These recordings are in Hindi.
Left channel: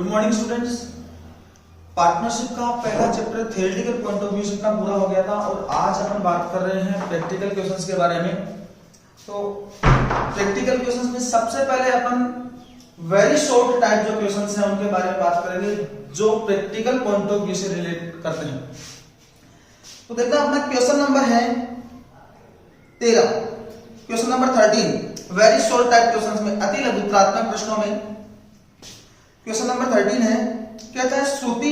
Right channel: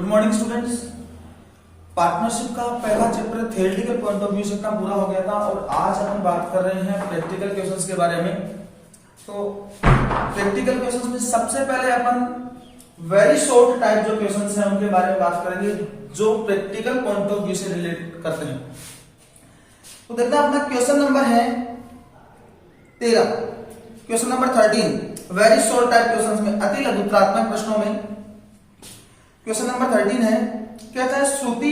Good morning students. पार्टनरशिप का पहला chapter theoretical point of view से अपना पूरा हो गया था और आज अपन बात कर रहे हैं प्रैक्टिकल क्वेश्चंस के बारे में। तो प्रैक्टिकल क्वेश्चंस में सबसे पहले अपन वेरी शॉर्ट टाइप जो क्वेश्चंस हैं उनके बारे में बात करेंगे जो प्रैक्टिकल पॉइंट ऑफ व्यू से रिलेट करते हैं। तो देखते हैं अपना क्वेश्चन नंबर है 13, question number 13 very short type questions में अति लघुत्रात्मक प्रश्नों में क्वेश्चन नंबर 13 है। कहता है श्रुति,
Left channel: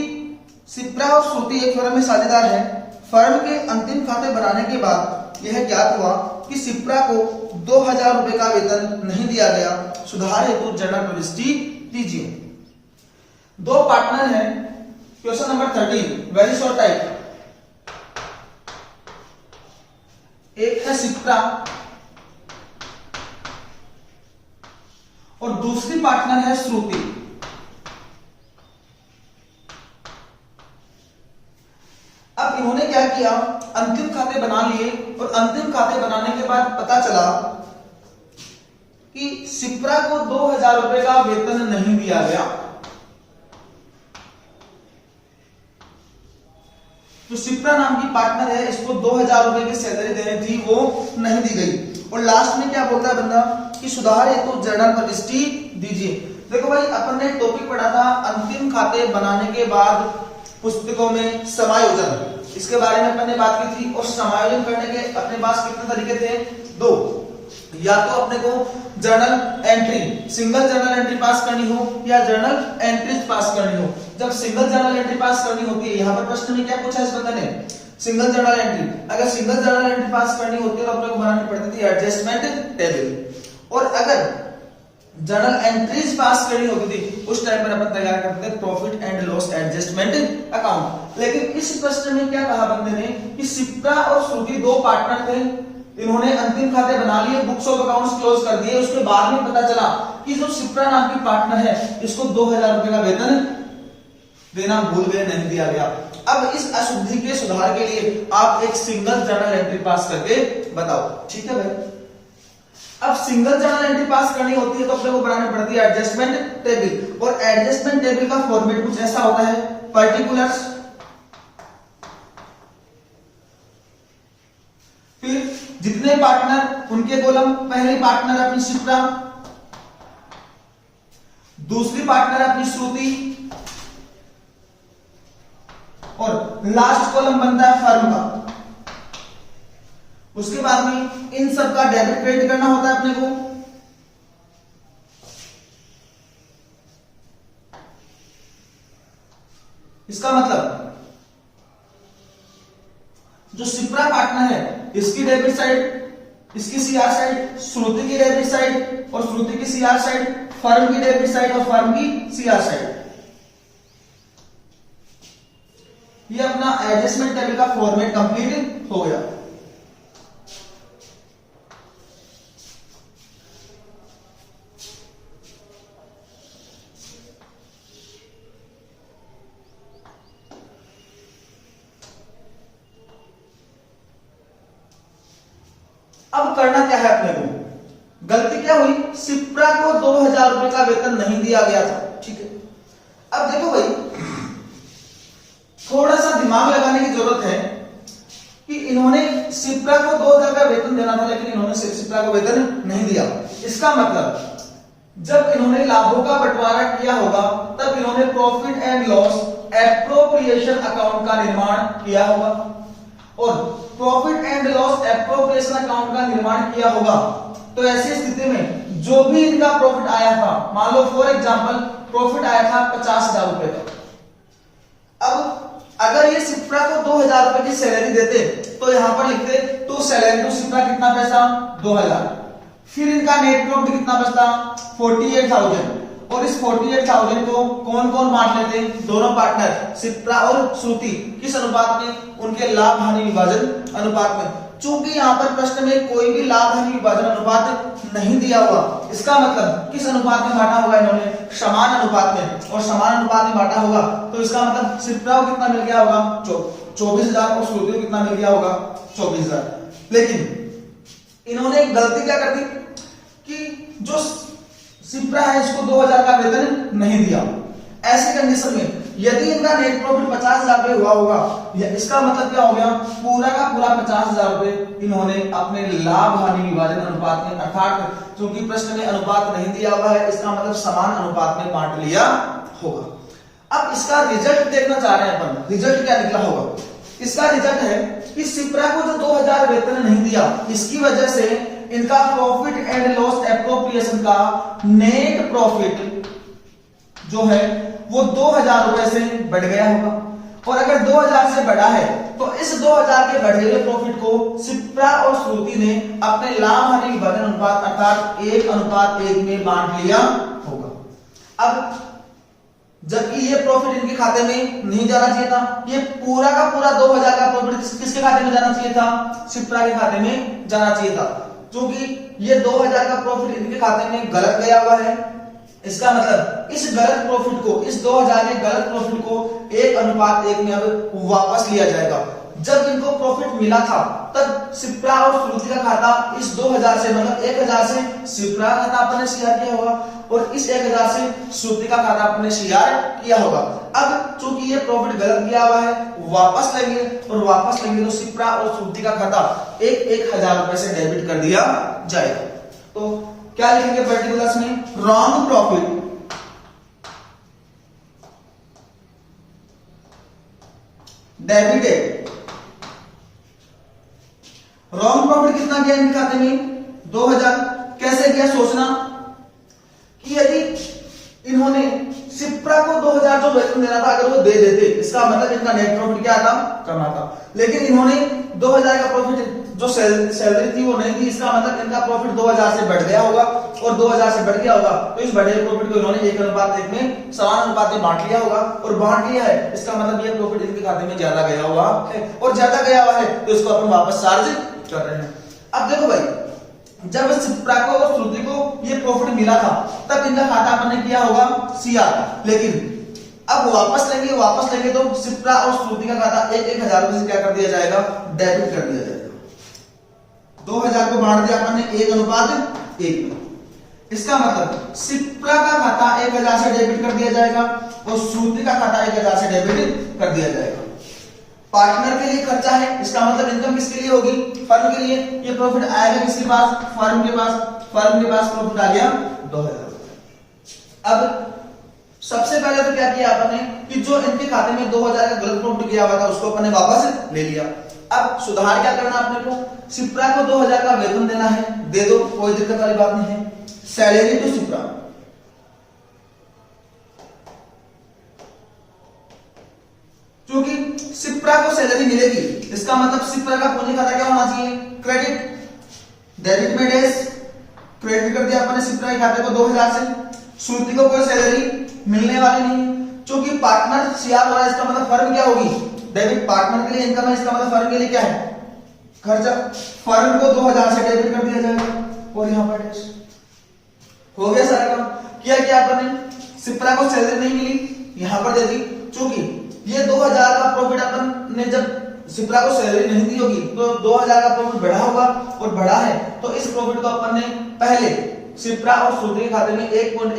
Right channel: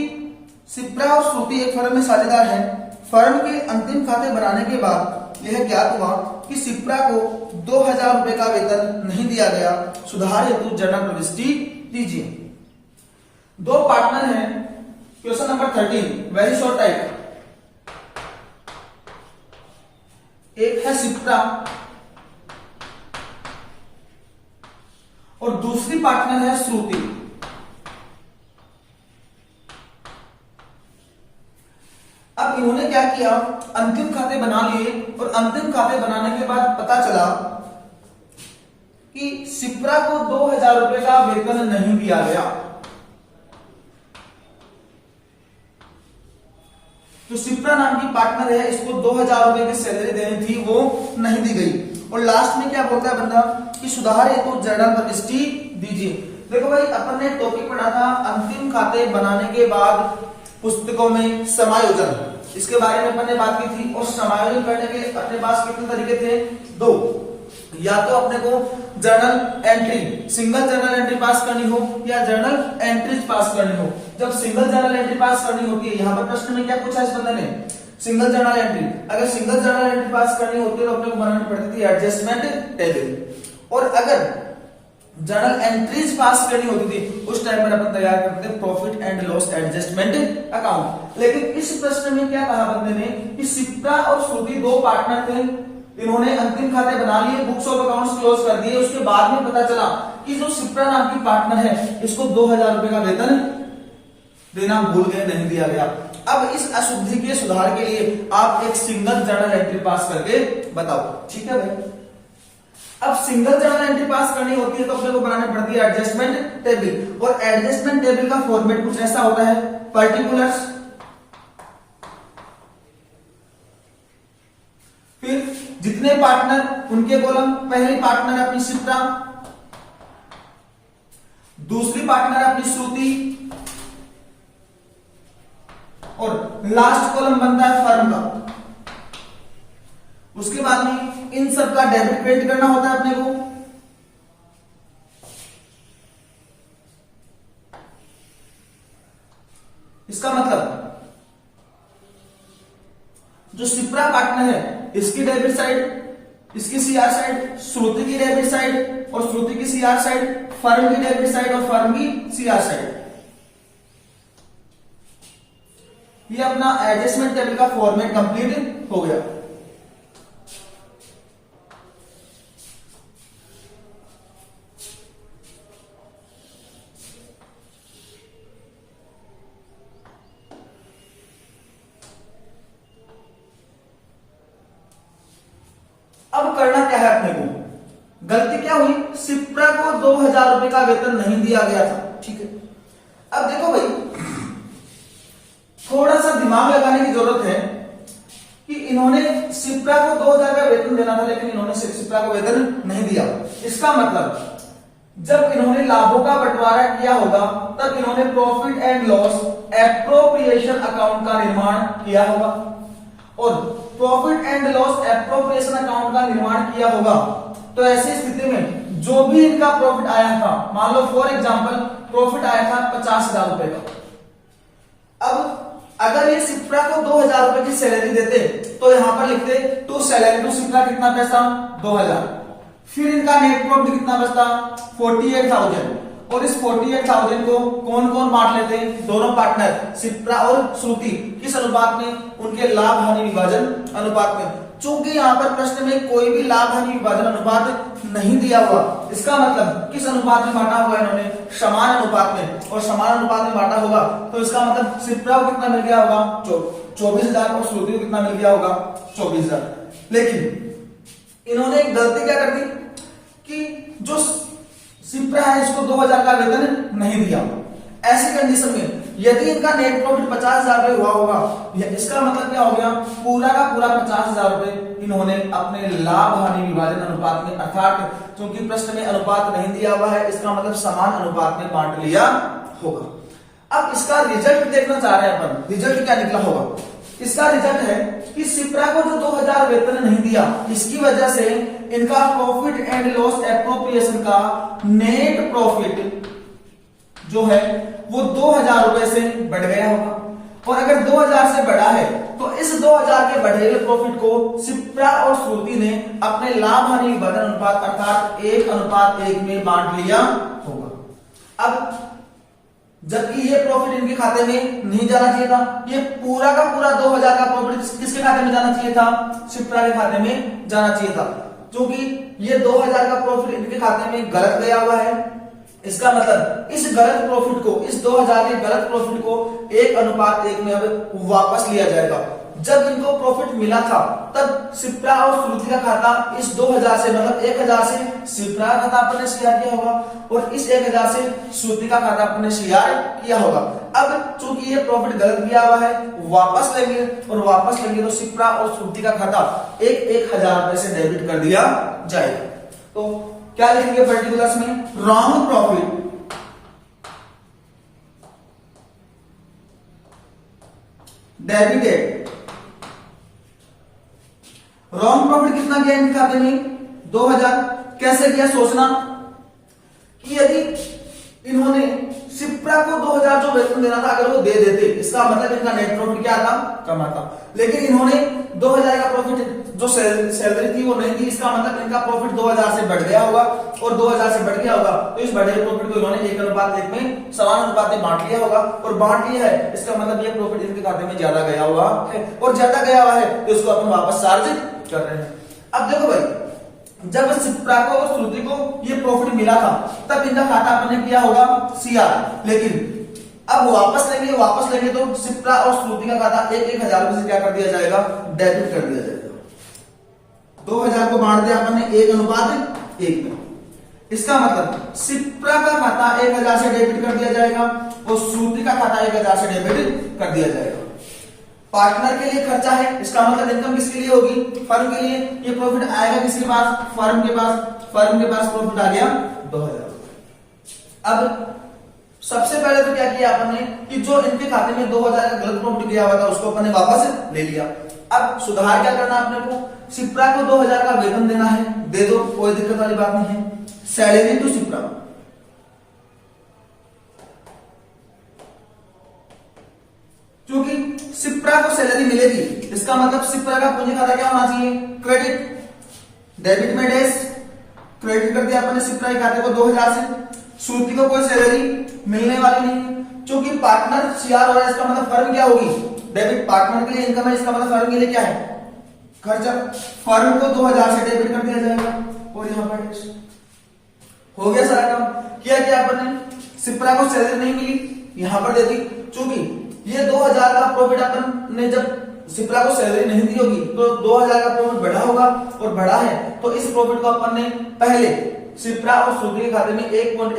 शिप्रा और श्रुति एक फर्म में साझेदार है। फर्म के अंतिम खाते बनाने के बाद यह ज्ञात हुआ कि शिप्रा को 2000 रुपए का वेतन नहीं दिया गया। सुधार हेतु जर्नल प्रविष्टि दीजिए। दो पार्टनर हैं। Question number 13 very short type. एक है शिप्रा और दूसरी पार्टनर है श्रुति। अब इन्होंने क्या किया, अंतिम खाते बना लिए और अंतिम खाते बनाने के बाद पता चला कि शिप्रा को 2000 रुपए का वेतन नहीं दिया गया। जो शिप्रा नाम की पार्टनर है इसको 2000 रुपए की सैलरी देनी थी, वो नहीं दी गई। और लास्ट में क्या बोलता है बंदा कि सुधार हेतु जर्नल प्रविष्टि दीजिए। देखो भाई, अपन ने टॉपिक पढ़ा था अंतिम खाते बनाने के बाद पुस्तकों में समायोजन, इसके बारे में अपन ने बात की थी। और समायोजन करने के अपने पास कितने तरीके थे? दो। या तो अपने को journal entry, single journal entry पास करनी हो या जर्नल एंट्रीज पास करनी हो। जब सिंगल जर्नल एंट्री पास करनी होती है, यहां पर प्रश्न में क्या पूछा इस बंदे ने? Single journal entry. अगर सिंगल जर्नल एंट्री पास करनी होती है तो अपने को बनानी पड़ती थी एडजस्टमेंट टेबल। और अगर जर्नल एंट्रीज पास करनी होती थी उस टाइम पर अपन तैयार करते थे profit and loss adjustment account. लेकिन इस प्रश्न में क्या कहा बंदे ने कि शिप्रा और श्रुति दो पार्टनर थे, इन्होंने अंतिम खाते बना लिए, बुक्स ऑफ अकाउंट्स क्लोज कर दिए। उसके बाद में पता चला कि जो शिप्रा नाम की पार्टनर है इसको 2000 रुपए का वेतन देना भूल गए, नहीं दिया गया। अब इस अशुद्धि के सुधार के लिए आप एक सिंगल जर्नल एंट्री पास करके बताओ। ठीक है भाई। अब सिंगल जर्नल एंट्री पास करनी होती है तो अपने को बनानी पड़ती है एडजस्टमेंट टेबल। और एडजस्टमेंट टेबल का फॉर्मेट कुछ ऐसा होता है, पर्टिकुलर्स, फिर जितने पार्टनर उनके कॉलम, पहली पार्टनर अपनी शिप्रा, दूसरी पार्टनर अपनी श्रुति और लास्ट कॉलम बनता है फर्म का। उसके बाद में इन सब का डेबिट क्रेडिट करना होता है अपने को। इसका मतलब जो शिप्रा पार्टनर है इसकी डेबिट साइड, इसकी सीआर साइड, श्रुति की डेबिट साइड और श्रुति की सीआर साइड, फर्म की डेबिट साइड और फर्म की सीआर साइड। ये अपना एडजस्टमेंट टेबल का फॉर्मेट कंप्लीट हो गया। अब करना क्या है अपने को? गलती क्या हुई? शिप्रा को 2000 रुपए का वेतन नहीं दिया गया था। ठीक है। अब देखो भाई, थोड़ा सा दिमाग लगाने की जरूरत है कि इन्होंने शिप्रा को 2000 का वेतन देना था लेकिन इन्होंने शिप्रा को वेतन नहीं दिया। इसका मतलब जब इन्होंने लाभों का बंटवारा किया होगा तब इन्होंने profit and loss appropriation account का निर्माण किया होगा। और profit and loss appropriation account का निर्माण किया होगा तो ऐसी स्थिति में जो भी इनका प्रॉफिट आया था, मान लो फॉर एग्जांपल प्रॉफिट आया था 50,000 रुपए का। अब अगर ये शिप्रा को 2000 रुपए की सैलरी देते तो यहां पर लिखते टू सैलरी टू शिप्रा कितना पैसा? 2000। फिर इनका नेट प्रॉफिट कितना बचता? 48,000। और इस 48,000 को कौन कौन बांट लेते? दोनों पार्टनर शिप्रा और श्रुति। किस अनुपात में? उनके लाभ हानि विभाजन अनुपात में। चूंकि यहां पर प्रश्न में कोई भी लाभ हानि विभाजन अनुपात नहीं दिया हुआ, इसका मतलब किस अनुपात में बांटा होगा इन्होंने? समान अनुपात में। और समान अनुपात में बांटा होगा तो इसका मतलब शिप्रा को कितना मिल गया होगा? 24,000 और श्रुति को कितना मिल गया होगा? 24,000। लेकिन इन्होंने गलती क्या कर दी कि जो शिप्रा है इसको 2000 का वेतन नहीं दिया। ऐसी कंडीशन में यदि इनका नेट प्रॉफिट 50,000 रुपए हुआ होगा, इसका मतलब क्या हो गया, पूरा का पूरा 50,000 रुपए इन्होंने अपने लाभ हानि विभाजन अनुपात में, अर्थात क्योंकि प्रश्न में अनुपात नहीं दिया हुआ है, इसका मतलब समान अनुपात में बांट लिया होगा। अब इसका रिजल्ट देखना चाह रहे हैं अपन, रिजल्ट क्या निकला होगा। इसका रिजल्ट है कि सिप्रा को जो 2,000 वेतन नहीं दिया, इसकी वजह से इनका प्रॉफिट एंड लॉस एप्रोप्रिएशन का नेट प्रॉफिट जो है वो 2,000 रुपए से बढ़ गया होगा। और अगर 2,000 से बढ़ा है तो इस 2,000 के बढ़े हुए प्रॉफिट को सिप्रा और श्रुति ने अपने लाभ हानि विभाजन अनुपात अर्थात 1:1 में बांट लिया होगा। अब जबकि ये प्रॉफिट इनके खाते में नहीं जाना चाहिए था, ये पूरा का पूरा 2,000 का प्रॉफिट किसके खाते में जाना चाहिए था, सिप्रा के खाते में जाना चाहिए था। क्योंकि ये 2,000 का प्रॉफिट इनके खाते में गलत गया हुआ है, इसका मतलब इस गलत प्रॉफिट को, इस 2,000 के गलत प्रॉफिट को 1:1 में अब वापस लिया जाएगा। जब इनको प्रॉफिट मिला था तब सिप्रा और श्रुति का खाता इस 2,000 से, मतलब 1,000 से सिप्रा का खाता अपने शेयर किया होगा और इस 1,000 से श्रुति का खाता अपने शेयर किया होगा। अब चूंकि ये प्रॉफिट गलत दिया हुआ है, वापस लेंगे और वापस लेंगे तो सिप्रा और श्रुति का खाता 1,000 रुपए से डेबिट कर दिया जाएगा। तो क्या लिखेंगे पर्टिकुलर्स में, wrong profit debited. Wrong profit कितना गया इनके खाते में, 2,000। कैसे गया सोचना कि यदि इन्होंने सिप्रा को 2,000 जो वेतन देना था अगर वो दे देते, इसका मतलब इनका नेट प्रॉफिट क्या था, कम आता। लेकिन इन्होंने 2,000 का प्रॉफिट जो सैलरी थी वो नहीं दी, इसका मतलब इनका प्रॉफिट 2,000 से बढ़ गया होगा और 2,000 से बढ़ गया होगा तो इस बढ़े प्रॉफिट को इन्होंने 1:1 में समान अनुपात में बांट लिया होगा और बांट लिया है, इसका मतलब ये प्रॉफिट इनके खाते में ज्यादा गया हुआ है और ज्यादा गया हुआ है तो इसको अपन वापस चार्ज कर रहे हैं। अब देखो भाई, जब सिप्रा को और श्रुति को ये प्रॉफिट मिला था तब इनका खाता अपन ने किया होगा सीआर, लेकिन अब वापस लेंगे तो सिप्रा और श्रुति का खाता 1,000 रुपए से क्या कर दिया जाएगा, डेबिट कर दिया जाएगा। 2,000 को बांट दिया अपन ने 1:1 में, इसका मतलब सिप्रा का खाता 1,000 से डेबिट कर दिया जाएगा और श्रुति का खाता 1,000 से डेबिट कर दिया जाएगा। पार्टनर के लिए खर्चा है, इसका मतलब इनकम किसके लिए होगी, फर्म के लिए। ये प्रॉफिट आएगा किसके पास, फर्म के पास। फर्म के पास प्रॉफिट आ गया 2,000। अब सबसे पहले तो क्या किया अपन ने कि जो इनके खाते में 2,000 का गलत प्रॉफिट गया हुआ था उसको अपन ने वापस ले लिया। अब सुधार क्या करना अपने को, सिप्रा को 2,000 का वेतन देना है, दे दो, कोई दिक्कत वाली बात नहीं है। सैलरी टू सिप्रा, क्योंकि सिप्रा को सैलरी मिलेगी, इसका मतलब सिप्रा का पूंजी खाता क्या होना चाहिए, क्रेडिट। डेबिट में डैश, क्रेडिट कर दिया अपने सिप्रा के खाते को 2,000 से। श्रुति को कोई सैलरी मिलने वाली नहीं, क्योंकि पार्टनर सीआर हो रहा है, इसका मतलब फर्म क्या होगी, डेबिट। पार्टनर के लिए इनकम है, इसका मतलब फर्म के लिए क्या है, खर्चा। फर्म को 2,000 से डेबिट कर दिया जाएगा और यहां पर डैश हो गया सारा काम। क्या किया अपन ने, सिप्रा को सैलरी नहीं मिली, यहां पर दे दी। चूंकि ये 2,000 का प्रॉफिट अपन ने जब सिप्रा को सैलरी नहीं दी होगी तो 2,000 का प्रॉफिट बढ़ा होगा और बढ़ा है तो इस प्रॉफिट को अपन ने पहले सिप्रा और श्रुति के खाते में 1:1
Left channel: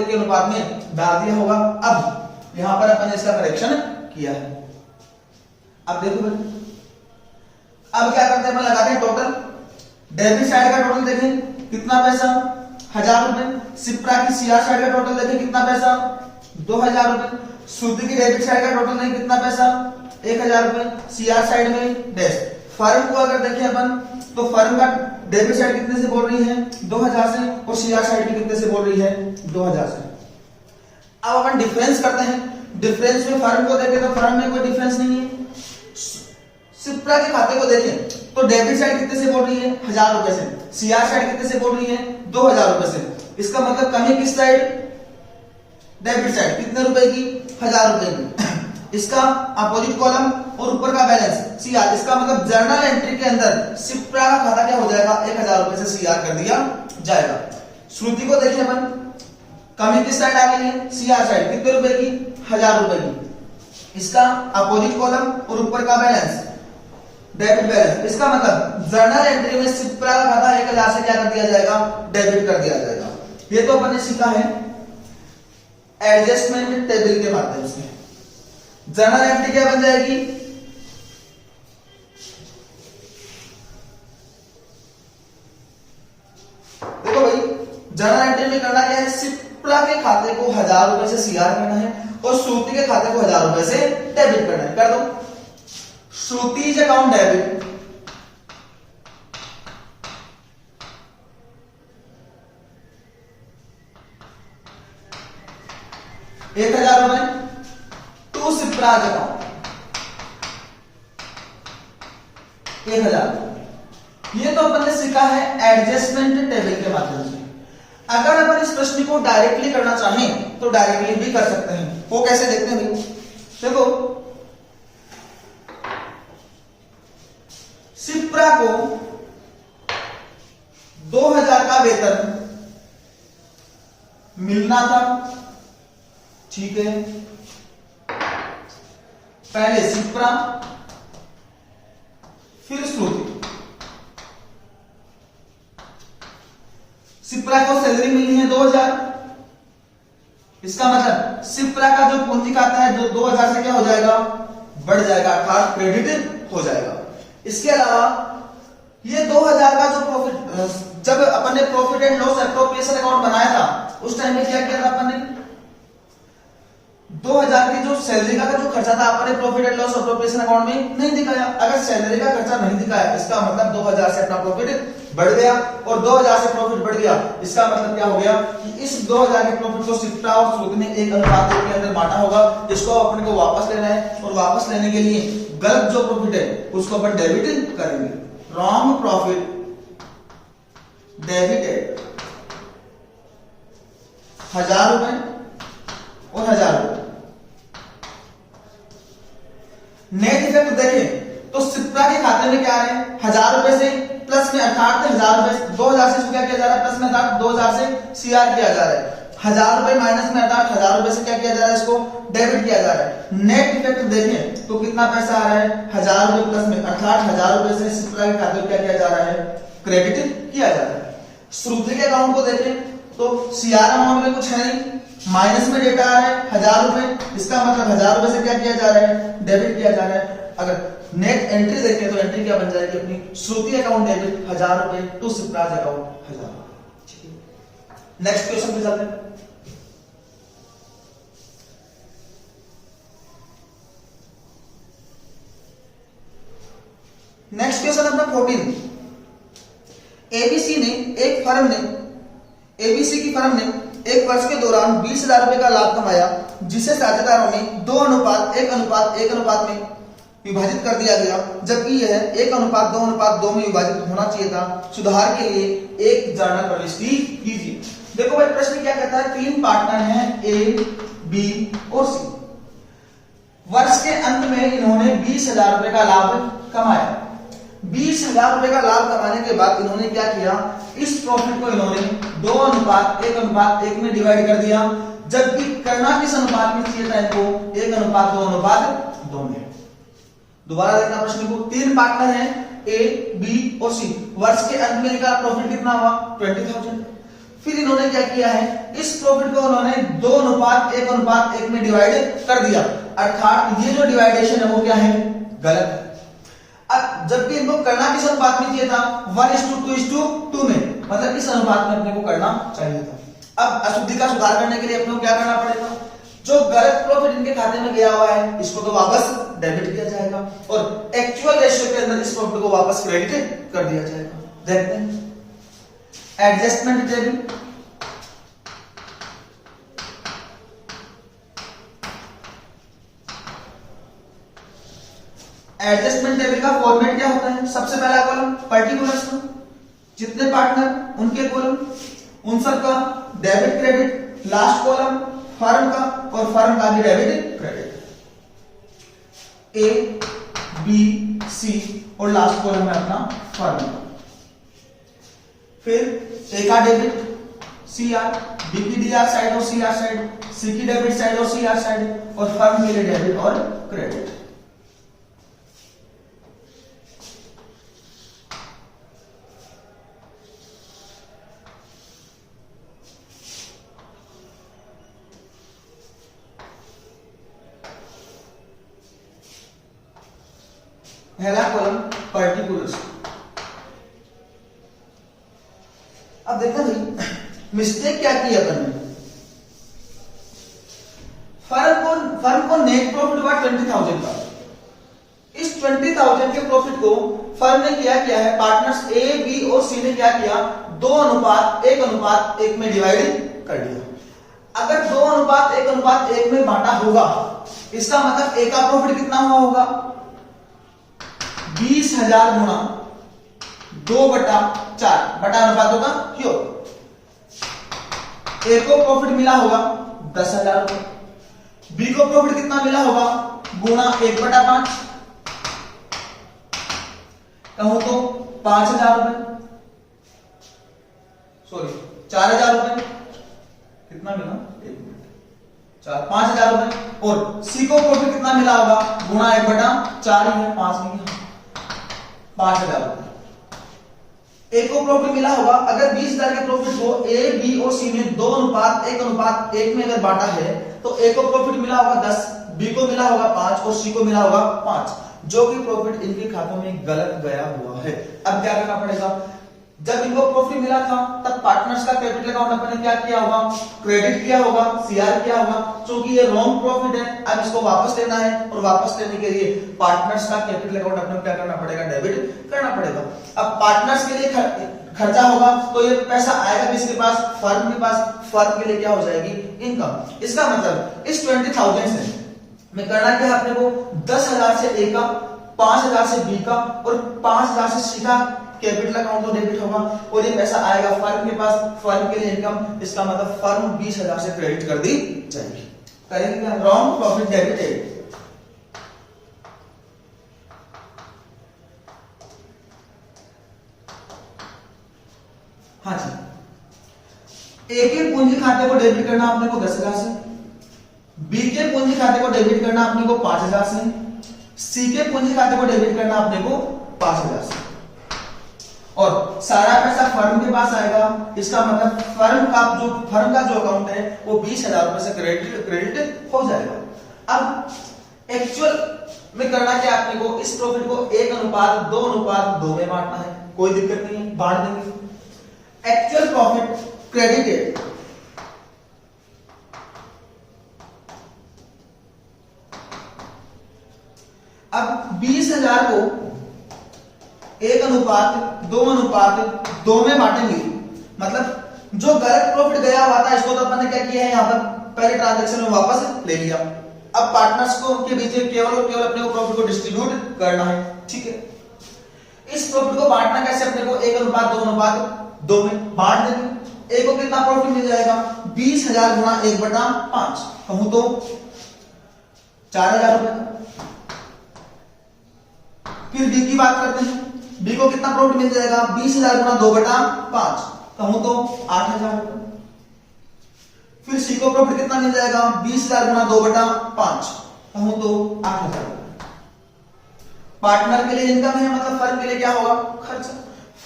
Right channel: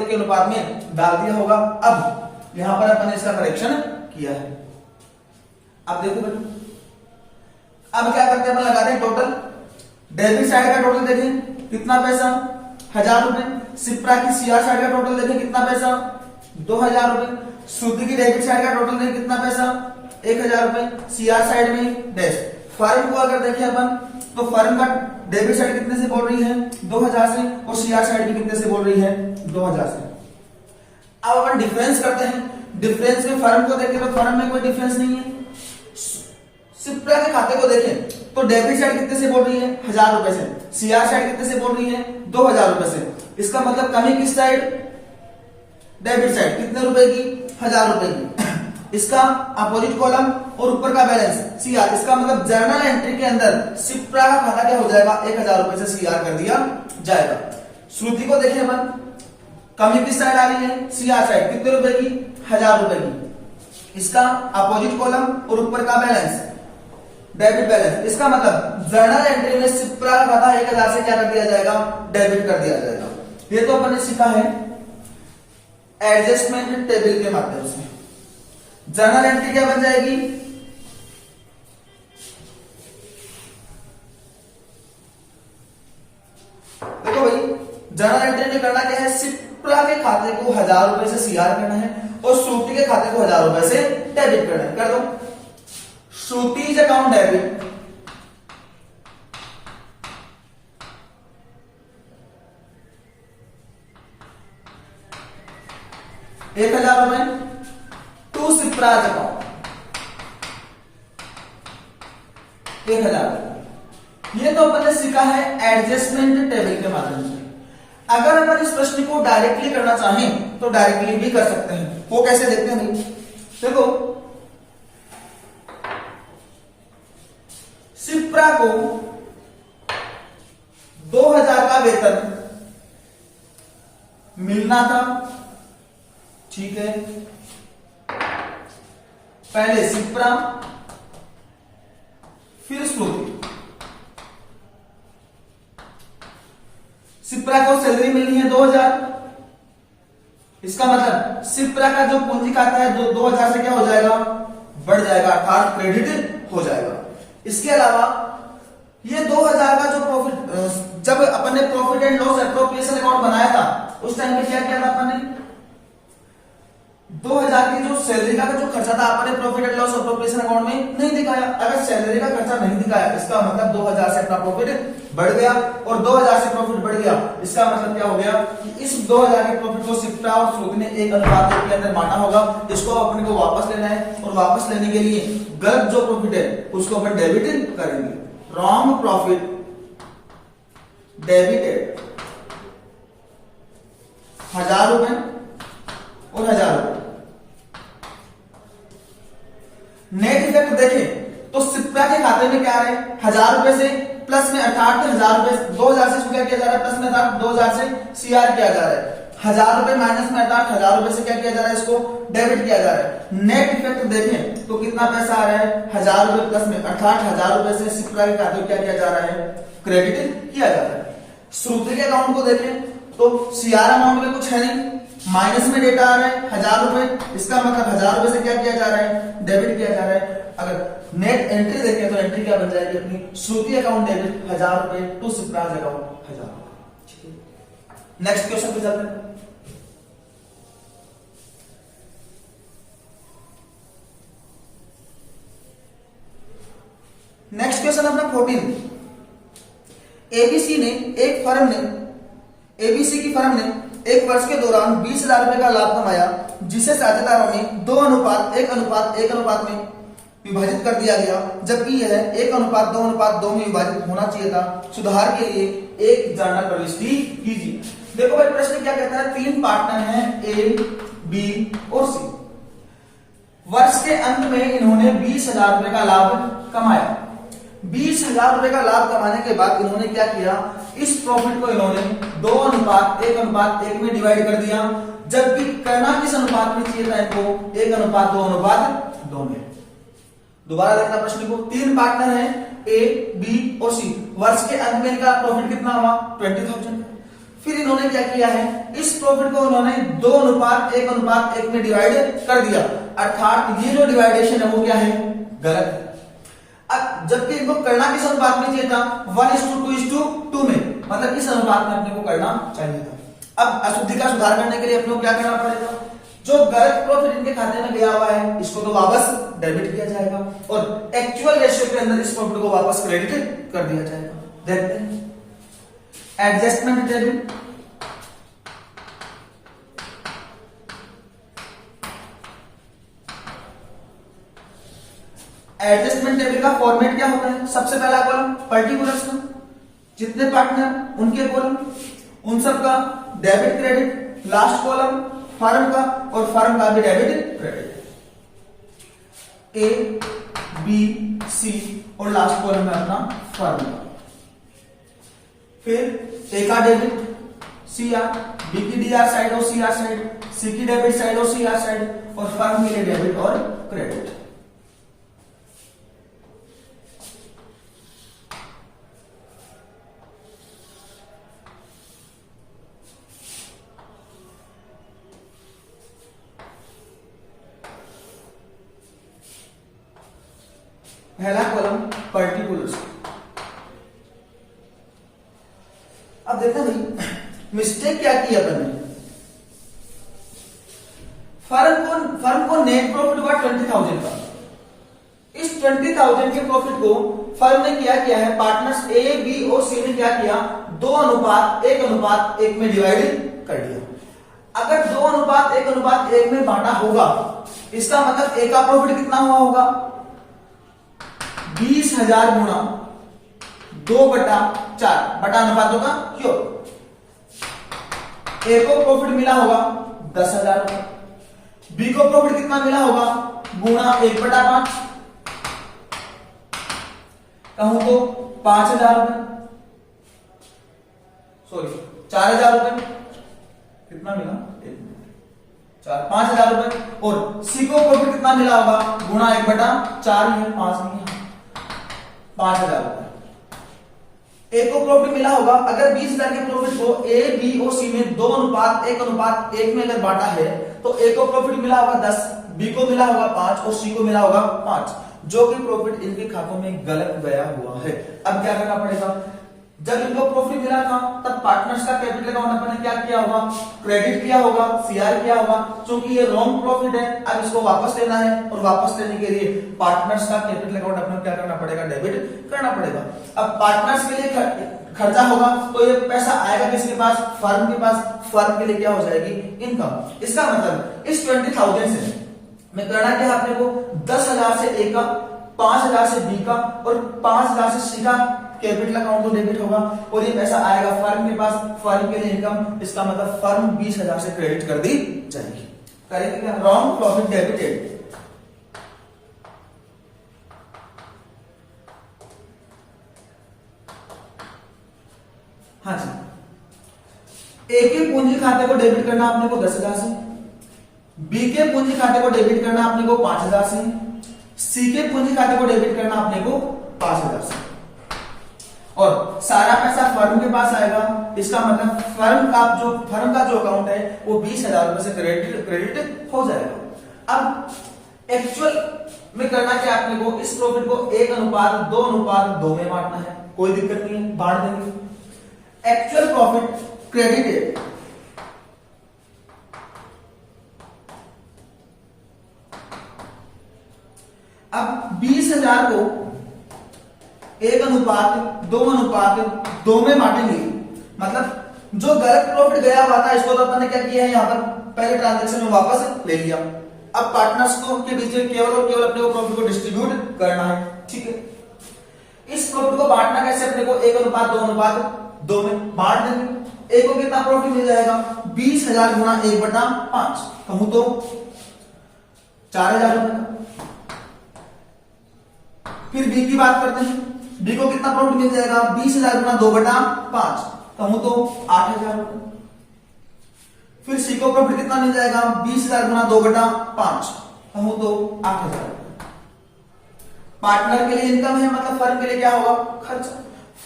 के अनुपात में डाल दिया होगा। अब यहां पर अपन ने इसका करेक्शन किया है। अब देखो भाई, अब क्या करते हैं, अपन लगाते हैं टोटल। डेबिट साइड का टोटल देखें कितना पैसा, 1,000 रुपए। सिप्रा की सीआर साइड का टोटल देखें कितना पैसा, 2,000 रुपए। श्रुति की डेबिट साइड का टोटल देखें कितना पैसा, 1,000 रुपए। सीआर साइड में डैश। फर्म को अगर देखें अपन तो फर्म का डेबिट साइड कितने से बोल रही है, 2,000 से, और सीआर साइड भी कितने से बोल रही है, 2,000 से। अब अपन डिफरेंस करते हैं। डिफरेंस में फर्म को देखें तो फर्म में कोई डिफरेंस नहीं है। सिप्रा के खाते को देखें तो डेबिट साइड कितने से बोल रही है, 1,000 रुपए से। सीआर साइड कितने से बोल रही है, 2,000 रुपए से। इसका मतलब कमी किस साइड, डेबिट साइड। कितने रुपए की, 1,000 रुपए की। इसका अपोजिट कॉलम और ऊपर का बैलेंस सीआर। इसका मतलब जर्नल एंट्री के अंदर सिप्रा का खाता क्या हो जाएगा, 1,000 रुपए से सीआर कर दिया जाएगा। श्रुति को देखें अपन, कमी किस साइड आ रही है, सीआर साइड। कितने रुपए की, 1,000 रुपए की। इसका अपोजिट कॉलम और ऊपर का बैलेंस डेबिट बैलेंस। इसका मतलब जर्नल एंट्री में सिप्रा का खाता 1,000 से क्या कर दिया जाएगा, डेबिट कर दिया जाएगा। ये तो अपन ने सीखा है एडजस्टमेंट टेबल के माध्यम से। जर्नल एंट्री क्या बन जाएगी, देखो भाई जर्नल एंट्री में करना क्या है, सिप्रा के खाते को 1000 रुपए से सीआर करना है और श्रुति के खाते को 1000 रुपए से डेबिट करना है। कर दो, श्रुतिज अकाउंट डेबिट 1000 रुपए टू सिप्राज अकाउंट 1000 रुपए। ये तो अपन ने सीखा है एडजस्टमेंट टेबल के माध्यम से। अगर अपन इस प्रश्न को डायरेक्टली करना चाहें तो डायरेक्टली भी कर सकते हैं। वो कैसे देखते हैं भाई, देखो सिप्रा को 2000 का वेतन मिलना था, ठीक है। पहले सिप्रा फिर श्रुति। सिप्रा को सैलरी मिलनी है 2000, इसका मतलब सिप्रा का जो पूंजी खाता है 2000 से क्या हो जाएगा, बढ़ जाएगा, अर्थात क्रेडिट हो जाएगा। इसके अलावा ये 2000 का जो प्रॉफिट, जब अपन ने profit and loss appropriation account बनाया था उस टाइम में क्या किया था अपन ने, 2000 की जो सैलरी का जो खर्चा था अपन ने profit and loss appropriation account में नहीं दिखाया। अगर सैलरी का खर्चा नहीं दिखाया इसका मतलब 2000 से अपना प्रॉफिट बढ़ गया, और 2000 से प्रॉफिट बढ़ गया इसका मतलब क्या हो गया कि इस 2000 के प्रॉफिट को सिप्रा और श्रुति ने 1:2 के अंदर बांटा होगा, जिसको अपने को वापस लेना है। और वापस लेने के लिए गलत जो प्रॉफिट है उसको अपन डेबिट करेंगे। रॉन्ग प्रॉफिट डेबिटेड 1000 रुपए और 1000 रुपए। नेट इफेक्ट देखें तो सिप्रा के खाते में क्या आ रहे हैं, 1000 रुपए से प्लस में, अर्थात 1000 रुपए 2000 से क्या किया जा रहा है, प्लस में, अर्थात 2000 से सीआर किया जा रहा है। 1000 रुपए माइनस में, अर्थात 1000 रुपए से क्या किया जा रहा है, इसको डेबिट किया जा रहा है। नेट इफेक्ट देखें तो कितना पैसा आ रहा है, 1000 रुपए प्लस में, अर्थात 1000 रुपए से सिप्रा के खाते में क्या किया जा रहा है, क्रेडिट किया जा रहा है। श्रुति के अकाउंट को देखें तो सीआर अमाउंट में कुछ है नहीं, माइनस में डेटा आ रहा है 1000 रुपए, इसका मतलब 1000 रुपए से क्या किया जा रहा है, डेबिट किया जा रहा है। अगर नेट एंट्री देखें तो एंट्री क्या बन जाएगी अपनी, श्रुति अकाउंट डेबिट 1000 रुपए टू सिप्राज अकाउंट 1000 रुपए, ठीक है। नेक्स्ट क्वेश्चन पे चलते हैं। नेक्स्ट क्वेश्चन अपना 14। एबीसी की फर्म ने एक वर्ष के दौरान 20,000 रुपए का लाभ कमाया, जिसे साझेदारों में 2:1:1 में विभाजित कर दिया गया, जबकि यह 1:2:2 में विभाजित होना चाहिए था। सुधार के लिए एक जर्नल प्रविष्टि कीजिए। देखो भाई प्रश्न क्या कहता है, 3 पार्टनर हैं ए, बी और सी। वर्ष के अंत में इन्होंने 20,000 रुपए का लाभ कमाया। 20,000 रुपए का लाभ कमाने के बाद इन्होंने क्या किया, इस प्रॉफिट को इन्होंने 2:1:1 में डिवाइड कर दिया, जबकि करना किस अनुपात में चाहिए था इनको, 1:2:2 में। दोबारा देखना प्रश्न को, 3 पार्टनर हैं ए, बी और सी। वर्ष के अंत में इनका प्रॉफिट कितना हुआ, 20,000। फिर इन्होंने क्या किया है, इस प्रॉफिट को उन्होंने 2:1:1 में डिवाइड कर दिया, अर्थात ये जो डिवाइडेशन है वो क्या है, गलत है। अब जबकि इनको करना किस अनुपात में चाहिए था, 1:2:2 में, मतलब किस अनुपात में अपने को करना चाहिए था। अब अशुद्धि का सुधार करने के लिए अपने को क्या करना पड़ेगा, जो गलत प्रॉफिट इनके खाते में गया हुआ है इसको तो वापस डेबिट किया जाएगा, और एक्चुअल रेशियो के अंदर इस प्रॉफिट को वापस क्रेडिट कर दिया जाएगा। देखते हैं एडजस्टमेंट टेबल। एडजस्टमेंट टेबल का फॉर्मेट क्या होता है, सबसे पहला कॉलम पर्टिकुलर्स का, जितने पार्टनर उनके कॉलम, उन सब का debit credit, last column firm का, और फर्म का भी डेबिट क्रेडिट, ए, बी, सी, और लास्ट कॉलम है अपना फर्म का। फिर ए का डेबिट सीआर, बी की डीआर साइड और सीआर साइड, सी की डेबिट साइड और सीआर साइड, और फर्म के लिए डेबिट और क्रेडिट। पहला कॉलम पर्टिकुलर्स। अब देखना भाई मिस्टेक क्या की अपन ने, फर्म को नेट प्रॉफिट हुआ 20,000 का। इस 20,000 के प्रॉफिट को फर्म ने क्या किया है, पार्टनर्स ए बी और सी ने क्या किया, 2:1:1 में डिवाइड कर दिया। अगर 2:1:1 में बांटा होगा, इसका मतलब ए का प्रॉफिट कितना हुआ होगा, 20,000 गुणा 2/4 बटा अनुपातों का योग। ए को प्रॉफिट मिला होगा 10,000 रुपए, बी को प्रॉफिट कितना मिला होगा, गुणा 1/5, कहूं तो 5,000 रुपए, सॉरी 4,000 रुपए, कितना मिला, 5,000 रुपए। और सी को प्रॉफिट कितना मिला होगा, गुणा 1/4 ही है, 5 नहीं है, 5,000 रुपए। ए को प्रॉफिट मिला होगा, अगर 20,000 के प्रॉफिट को ए बी और सी में 2:1:1 में अगर बांटा है, तो ए को प्रॉफिट मिला होगा 10, बी को मिला होगा 5 और सी को मिला होगा 5, जो कि प्रॉफिट इनके खातों में गलत गया हुआ है। अब क्या करना पड़ेगा, जब इनको प्रॉफिट मिला था तब पार्टनर्स का कैपिटल अकाउंट अपन ने क्या किया होगा, क्रेडिट किया होगा, सीआर किया होगा। क्योंकि ये रॉन्ग प्रॉफिट है, अब इसको वापस लेना है और वापस लेने के लिए पार्टनर्स का कैपिटल अकाउंट अपन को क्या करना पड़ेगा, डेबिट करना पड़ेगा। अब पार्टनर्स के लिए खर्चा होगा तो ये पैसा आएगा किसके पास, फर्म के पास, फर्म के लिए क्या हो जाएगी, इनकम। इसका मतलब इस 20,000 से मैं करना क्या, अपने को 10,000 से ए का, 5,000 से बी का और 5,000 से सी का कैपिटल अकाउंट तो डेबिट होगा और ये पैसा आएगा फर्म के पास, फर्म के लिए इनकम। इसका मतलब फर्म 20,000 से क्रेडिट कर दी जाएगी। करेंगे क्या, रॉन्ग प्रॉफिट डेबिटेड। हाँ जी, ए के पूंजी खाते को डेबिट करना अपने को 10,000 से, बी के पूंजी खाते को डेबिट करना अपने को 5,000 से, सी के पूंजी खाते को डेबिट करना अपने को 5,000 से, और सारा पैसा फर्म के पास आएगा। इसका मतलब फर्म का जो अकाउंट है वो 20,000 रुपए से क्रेडिट हो जाएगा। अब एक्चुअल में करना क्या, अपने को इस प्रॉफिट को 1:2:2 में बांटना है, कोई दिक्कत नहीं है, बांट देंगे। एक्चुअल प्रॉफिट क्रेडिटेड, अब 20,000 को 1:2:2 में बांटेंगे। मतलब जो गलत प्रॉफिट गया हुआ था इसको तो अपन ने क्या किया है, यहां पर पहले ट्रांजैक्शन में वापस ले लिया। अब पार्टनर्स को के बीच में केवल और केवल अपने को प्रॉफिट को डिस्ट्रीब्यूट करना है, ठीक है। इस प्रॉफिट को बांटना कैसे, अपने को 1:2:2 में बांट देंगे। ए को कितना प्रॉफिट मिल जाएगा, 20,000 गुणा 1/5, कहूं तो 4,000 रुपए का। फिर बी की बात करते हैं, बी को कितना प्रॉफिट मिल जाएगा, 20,000 गुणा 2/5, कहूं तो 8,000 रुपए। फिर सी को प्रॉफिट कितना मिल जाएगा, 20,000 गुणा 2/5, कहूं तो 8,000 रुपए। पार्टनर के लिए इनकम है, मतलब फर्म के लिए क्या होगा, खर्च।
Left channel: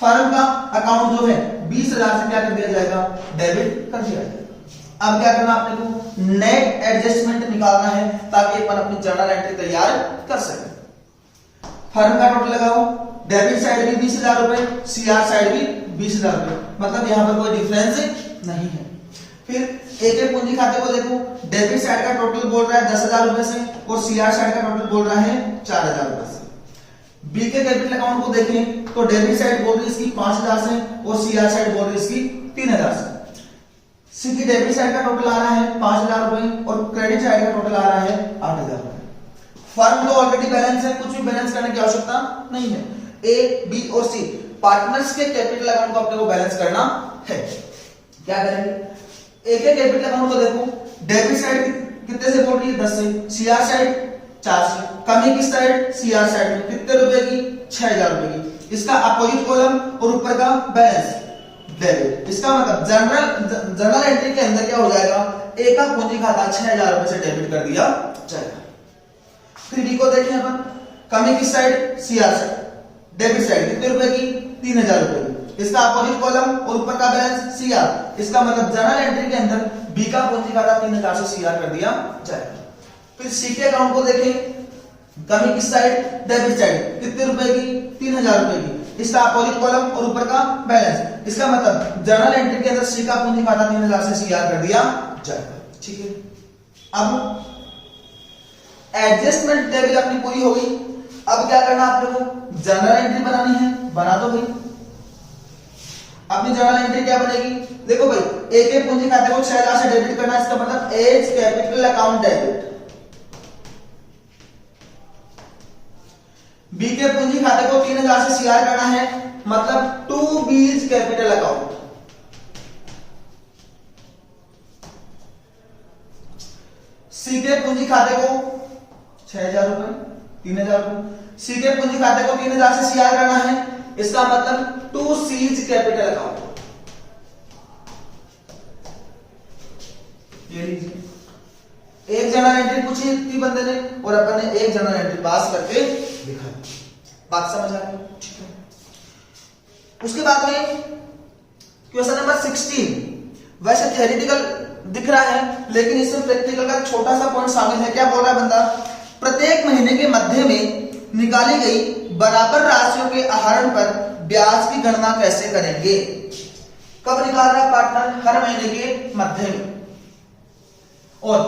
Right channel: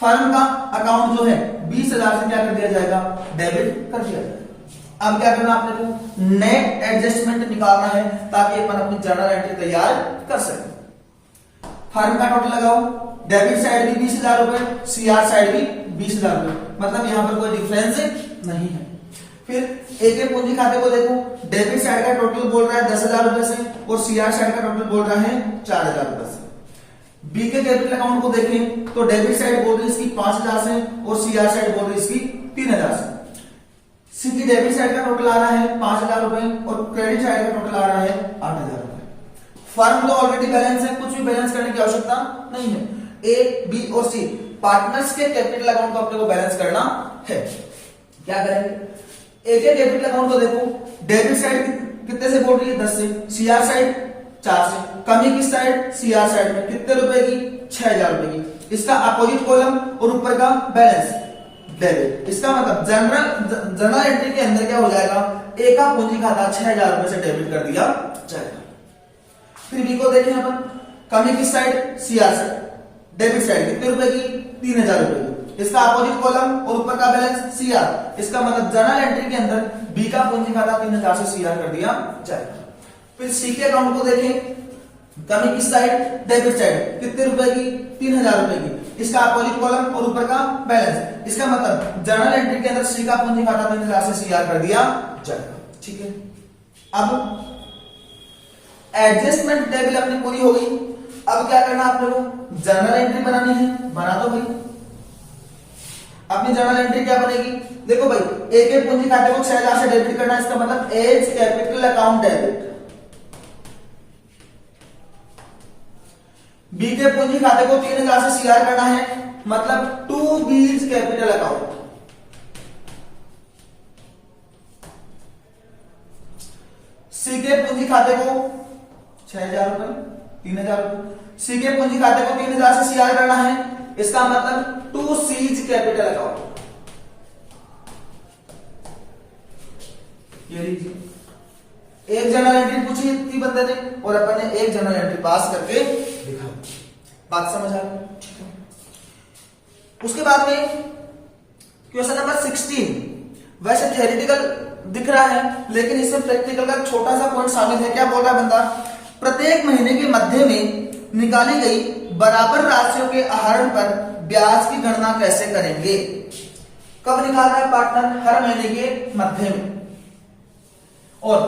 फर्म का अकाउंट जो है 20,000 से क्या कर दिया जाएगा, डेबिट कर दिया जाएगा। अब क्या करना, अपने को नेट एडजस्टमेंट निकालना है ताकि अपन अपनी जर्नल एंट्री तैयार कर सके। फर्म का टोटल लगाओ, डेबिट साइड भी 20,000 रुपए, सीआर साइड भी 20,000 रुपए, मतलब यहां पर कोई डिफरेंस नहीं है। फिर ए के पूंजी खाते को देखो, डेबिट साइड का टोटल बोल रहा है 10,000 रुपए से और सीआर साइड का टोटल बोल रहा है 4,000 रुपए से। बी के कैपिटल अकाउंट को देखें तो डेबिट साइड बोल रही है इसकी 5,000 से और सीआर साइड बोल रही है इसकी 3,000 से। सी की डेबिट साइड का टोटल आ रहा है 5,000 रुपए और क्रेडिट साइड का टोटल आ रहा है 8,000 रुपए। फर्म तो ऑलरेडी बैलेंस है, कुछ भी बैलेंस करने की आवश्यकता नहीं है। ए बी और सी पार्टनर्स के कैपिटल अकाउंट को अपने को बैलेंस करना है। क्या करेंगे, ए के कैपिटल अकाउंट को देखो, डेबिट साइड कितने से बोल रही है, 10 से, सीआर साइड 4 से, कमी किस साइड, सीआर साइड में, कितने रुपए की, 6,000 रुपए की। इसका अपोजिट कॉलम और ऊपर का बैलेंस डेबिट। इसका मतलब जनरल एंट्री के अंदर क्या हो जाएगा, ए का पूंजी खाता 6,000 रुपए से डेबिट कर दिया जाएगा। फिर बी को देखें अपन, कमी किस side, CR side, debit side कितने रुपए की, 3,000 रुपए की। इसका अपोजिट कॉलम और ऊपर का बैलेंस सीआर। इसका मतलब जर्नल एंट्री के अंदर बी का पूंजी खाता 3,000 से सीआर कर दिया जाएगा। फिर सी के अकाउंट को देखें, कमी किस साइड, डेबिट साइड, कितने रुपए की, 3000 रुपए की। इसका अपोजिट कॉलम और ऊपर का बैलेंस। इसका मतलब जर्नल एंट्री के अंदर सी का पूंजी खाता 3000 से सीआर कर दिया जाएगा। ठीक है, अब एडजस्टमेंट टेबल अपनी पूरी हो गई। अब क्या करना आपने को, जर्नल एंट्री बनानी है, बना दो भाई। अपनी जर्नल एंट्री क्या बनेगी, देखो भाई, ए के पूंजी खाते को 6000 से डेबिट करना है, इसका मतलब as capital account debit. B के पूंजी खाते को 3000 से सीआर करना है, मतलब टू बीज कैपिटल अकाउंट। सी के पूंजी खाते को 6000 रुपए, 3000 रुपए। सी के पूंजी खाते को 3000 से सीआर करना है, इसका मतलब टू सीज कैपिटल अकाउंट। ये लीजिए, एक जर्नल एंट्री पूछी थी बंदे ने और अपन ने एक जर्नल एंट्री पास करके दिखाया। बात समझ आ गई? ठीक है। उसके बाद में क्वेश्चन नंबर 16, वैसे थ्योरेटिकल दिख रहा है लेकिन इसमें प्रैक्टिकल का छोटा सा पॉइंट शामिल है। क्या बोल रहा है बंदा, प्रत्येक महीने के मध्य में निकाली गई बराबर राशियों के आहरण पर ब्याज की गणना कैसे करेंगे। कब निकाल रहा है पार्टनर, हर महीने के मध्य में। और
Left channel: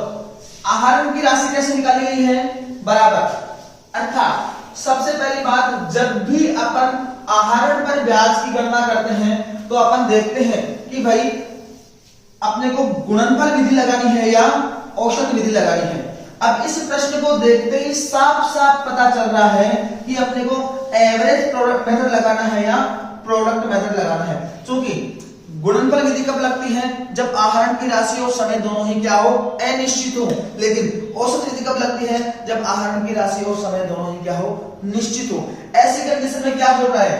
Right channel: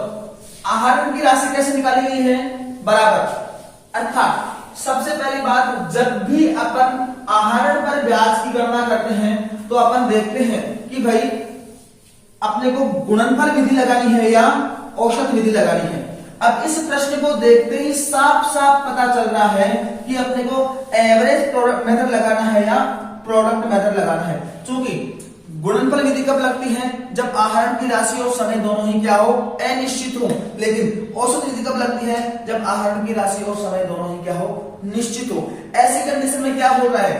आहरण की राशि कैसे निकाली गई है, बराबर। अर्थात सबसे पहली बात, जब भी अपन आहरण पर ब्याज की गणना करते हैं तो अपन देखते हैं कि भाई अपने को गुणनफल विधि लगानी है या औसत विधि लगानी है। अब इस प्रश्न को देखते ही साफ साफ पता चल रहा है कि अपने को एवरेज प्रोडक्ट मेथड लगाना है या प्रोडक्ट मेथड लगाना है। क्योंकि गुणनफल विधि कब लगती है, जब आहरण की राशि और समय दोनों ही क्या हो, अनिश्चित हो। लेकिन औसत विधि कब लगती है, जब आहरण की राशि और समय दोनों ही क्या हो, निश्चित हो। ऐसी कंडीशन में क्या बोल रहा है,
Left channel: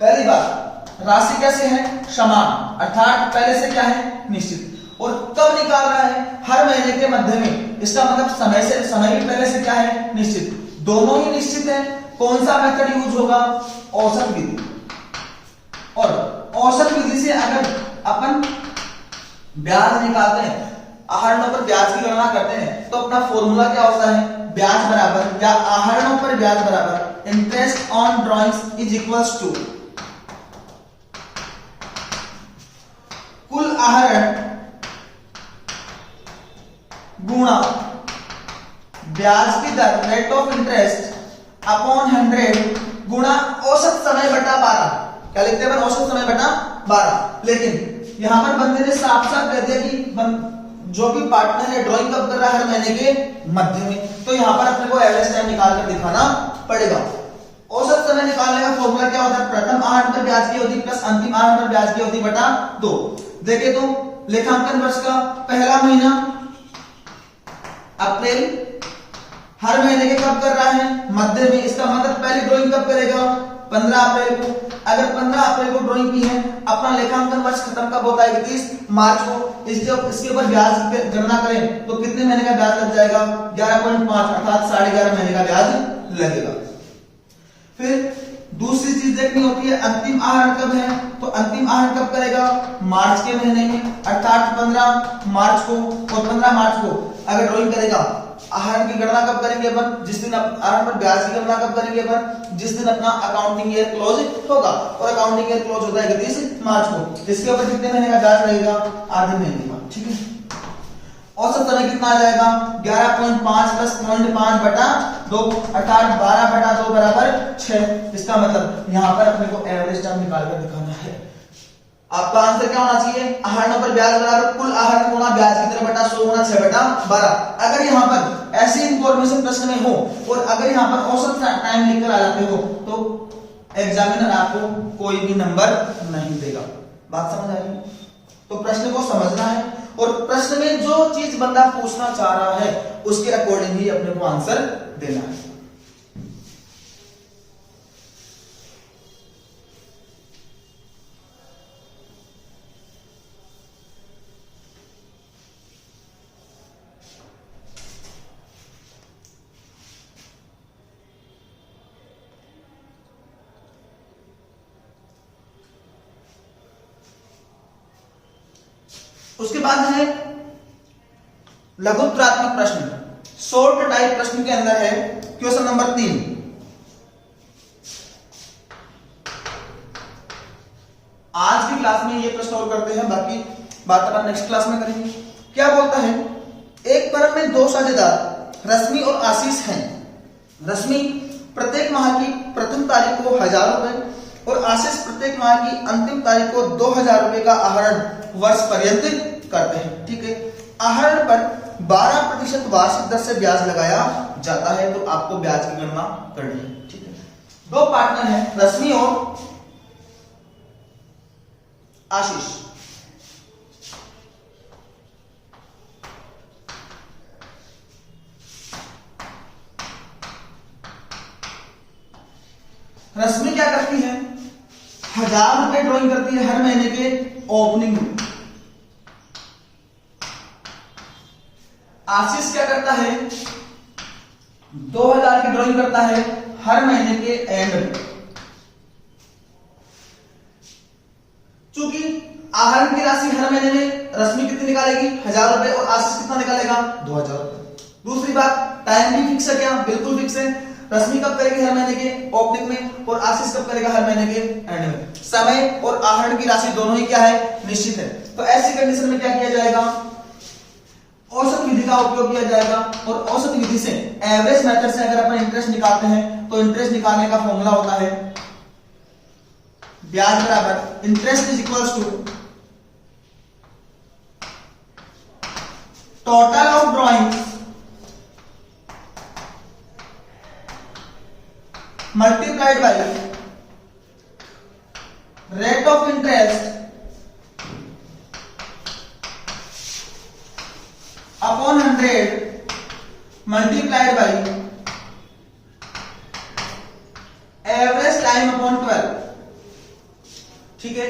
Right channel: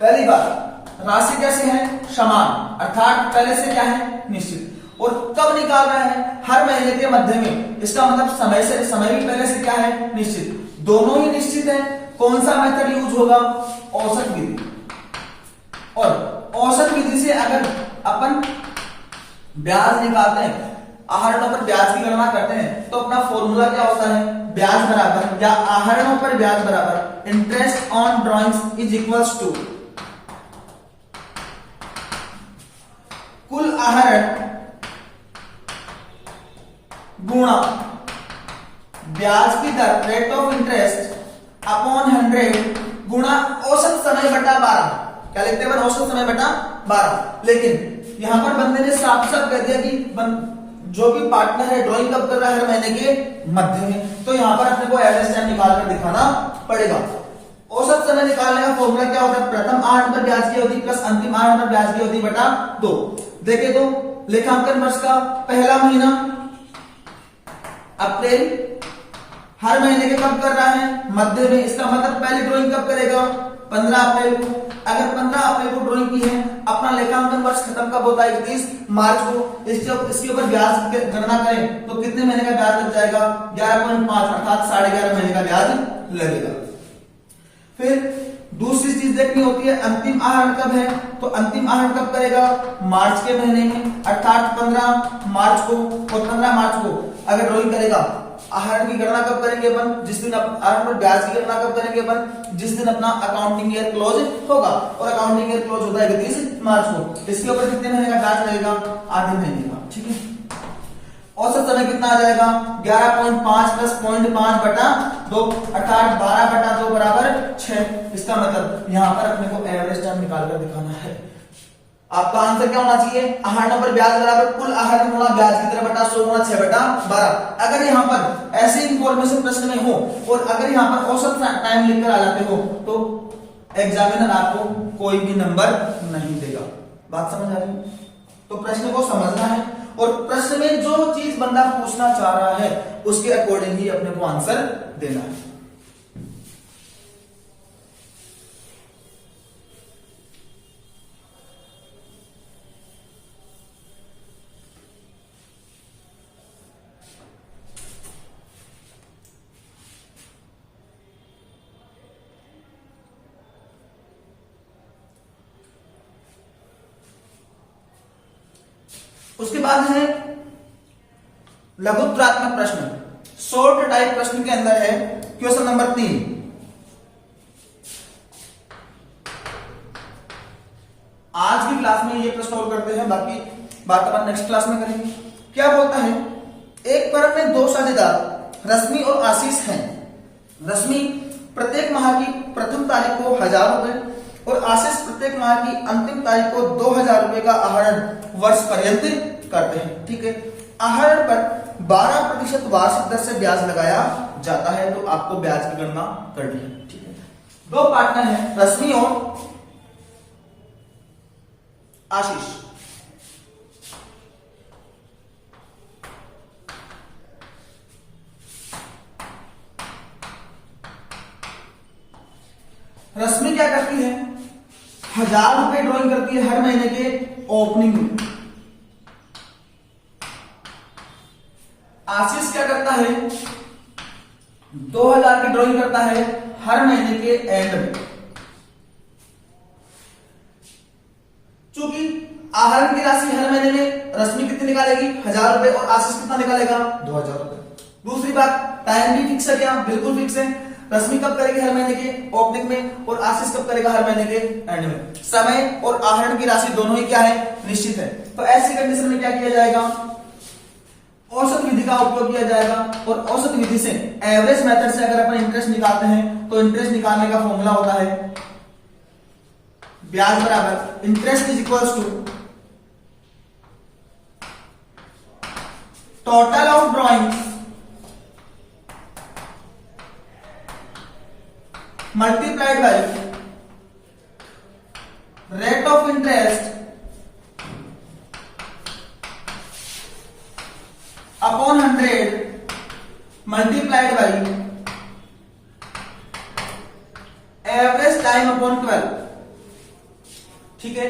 पहली बात राशि कैसे है, समान, अर्थात पहले से क्या है, निश्चित। और कब निकाल रहा है, हर महीने के मध्य में। इसका मतलब समय भी पहले से क्या है, निश्चित। दोनों ही निश्चित है। कौन सा मेथड यूज होगा, औसत विधि। और औसत विधि से अगर अपन ब्याज निकालते हैं, आहरणों पर ब्याज की गणना करते हैं, तो अपना फॉर्मूला क्या होता है, ब्याज बराबर या आहरणों पर ब्याज बराबर interest on drawings is equals to कुल आहरण गुणा ब्याज की दर, रेट ऑफ इंटरेस्ट अपॉन 100 गुणा औसत समय बटा 12। क्या लिखते हैं, औसत समय बटा 12। लेकिन यहां पर बंदे ने साफ साफ कह दिया कि जो भी पार्टनर है ड्राइंग कब कर रहा है, हर महीने के मध्य में। तो यहां पर अपने को एवरेज टाइम निकाल कर दिखाना पड़ेगा। औसत समय निकालने का फॉर्मूला क्या होता है, प्रथम आहरण पर ब्याज की अवधि प्लस अंतिम आहरण पर ब्याज की अवधि बटा 2। देखे तो लेखांकन वर्ष का पहला महीना अप्रैल, हर महीने के कब कर रहा है, मध्य में। इसका मतलब पहली ड्राइंग कब करेगा, 15 अप्रैल को। अगर 15 अप्रैल को ड्राइंग की है, अपना लेखांकन वर्ष खत्म कब होता है, 31 मार्च को। इसके ऊपर ब्याज गणना करें तो कितने महीने का ब्याज लग जाएगा, 11.5, अर्थात 11.5 महीने का ब्याज लगेगा। फिर दूसरी चीज देखनी होती है, अंतिम आहरण कब है, तो अंतिम आहरण कब करेगा, मार्च के महीने में, अर्थात 15 मार्च को। और 15 मार्च को अगर ड्राइंग करेगा, आहरण की गणना कब करेंगे अपन, जिस दिन आहरण पर ब्याज की गणना कब करेंगे अपन, जिस दिन अपना अकाउंटिंग ईयर क्लोज होगा। और अकाउंटिंग ईयर क्लोज होता है 31 मार्च को। इसके ऊपर कितने महीने का ब्याज लगेगा, आधे महीने का। ठीक है, औसत समय कितना आ जाएगा, 11.5 प्लस 0.5 बटा 2, अर्थात 12 बटा 2 बराबर 6। इसका मतलब यहां पर अपने को एवरेज टाइम निकालकर दिखाना है। आपका आंसर क्या होना चाहिए, आहरणों पर ब्याज बराबर कुल आहरण गुणा ब्याज की दर बटा 100 गुणा 6 बटा 12। अगर यहां पर ऐसी इंफॉर्मेशन प्रश्न में हो और अगर यहां पर औसत टाइम लिखकर आ जाते हो तो एग्जामिनर आपको कोई भी नंबर नहीं देगा। बात समझ आ रही है? तो प्रश्न को समझना है और प्रश्न में जो चीज बंदा पूछना चाह रहा है उसके अकॉर्डिंग ही अपने को आंसर देना है। उसके बाद है लघुत्तरात्मक प्रश्न, शॉर्ट टाइप प्रश्न के अंदर है क्वेश्चन नंबर 3। आज की क्लास में ये प्रश्न सॉल्व करते हैं, बाकी बात अपन नेक्स्ट क्लास में करेंगे। क्या बोलता है, एक फर्म में दो साझेदार रश्मि और आशीष हैं। रश्मि प्रत्येक माह की प्रथम तारीख को 1000 रुपए और आशीष प्रत्येक माह की अंतिम तारीख को 2000 रुपए का आहरण वर्ष पर्यंत करते हैं। ठीक है, आहरण पर 12% वार्षिक दर से ब्याज लगाया जाता है, तो आपको ब्याज की गणना करनी है। ठीक है, दो पार्टनर हैं रश्मि और आशीष। रश्मि क्या करती है, 1000 रुपए ड्रॉइंग करती है हर महीने के ओपनिंग में। आशीष क्या करता है, 2000 की ड्रॉइंग करता है हर महीने के एंड में। चूंकि आहरण की राशि हर महीने में रश्मि कितनी निकालेगी, 1000 रुपए, और आशीष कितना निकालेगा, 2000 रुपए। दूसरी बात, टाइम भी फिक्स है क्या, बिल्कुल फिक्स है। रश्मि कब करेगी, हर महीने के ओपनिंग में, और आशीष कब करेगा, हर महीने के एंड में। समय और आहरण की राशि दोनों ही क्या है, निश्चित है। तो ऐसी कंडीशन में क्या किया जाएगा, औसत विधि का उपयोग किया जाएगा। और औसत विधि से, एवरेज मेथड से अगर अपन इंटरेस्ट निकालते हैं तो इंटरेस्ट निकालने का फॉर्मूला होता है ब्याज बराबर interest is equals to total of drawing multiplied by rate of interest upon 100 multiplied by average time upon 12। ठीक है,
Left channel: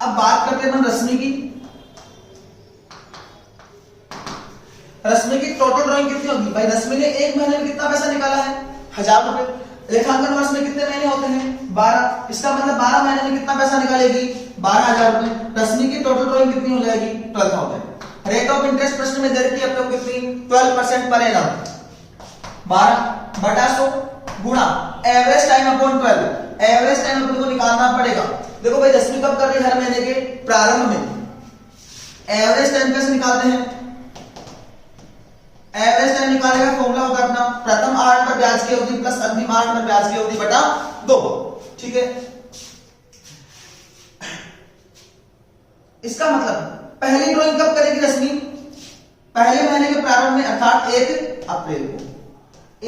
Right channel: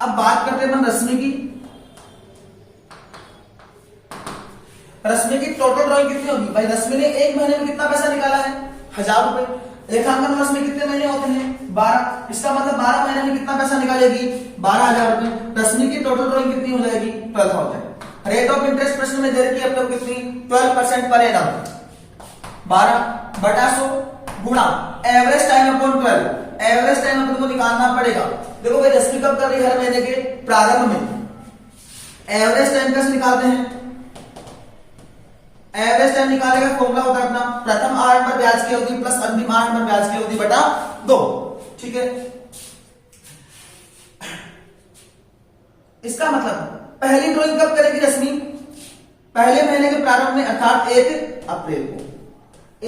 अब बात करते हैं रश्मि की। रश्मि की टोटल ड्राइंग कितनी होगी भाई, रश्मि ने एक महीने में कितना पैसा निकाला है, 1000 रुपए। लेखांकन वर्ष में कितने महीने होते हैं, 12। इसका मतलब 12 महीने में कितना पैसा निकालेगी, 12000 रुपए। रश्मि की टोटल ड्राइंग कितनी हो जाएगी, 12000। रेट ऑफ इंटरेस्ट प्रश्न में दे रखी है अपने को कितनी, 12% पर एनम। 12/100 गुणा average time upon 12। Average time अपने को निकालना पड़ेगा। देखो भाई, रश्मि कब कर रही है, हर महीने के प्रारंभ में। एवरेज टाइम कैसे निकालते हैं, एवरेज टाइम निकालने का फॉर्मूला होता है अपना प्रथम आहरण पर ब्याज की अवधि प्लस अंतिम आहरण पर ब्याज की अवधि बटा 2। ठीक है, इसका मतलब पहली ड्राइंग कब करेगी रश्मि, पहले महीने के प्रारंभ में, अर्थात 1 अप्रैल को।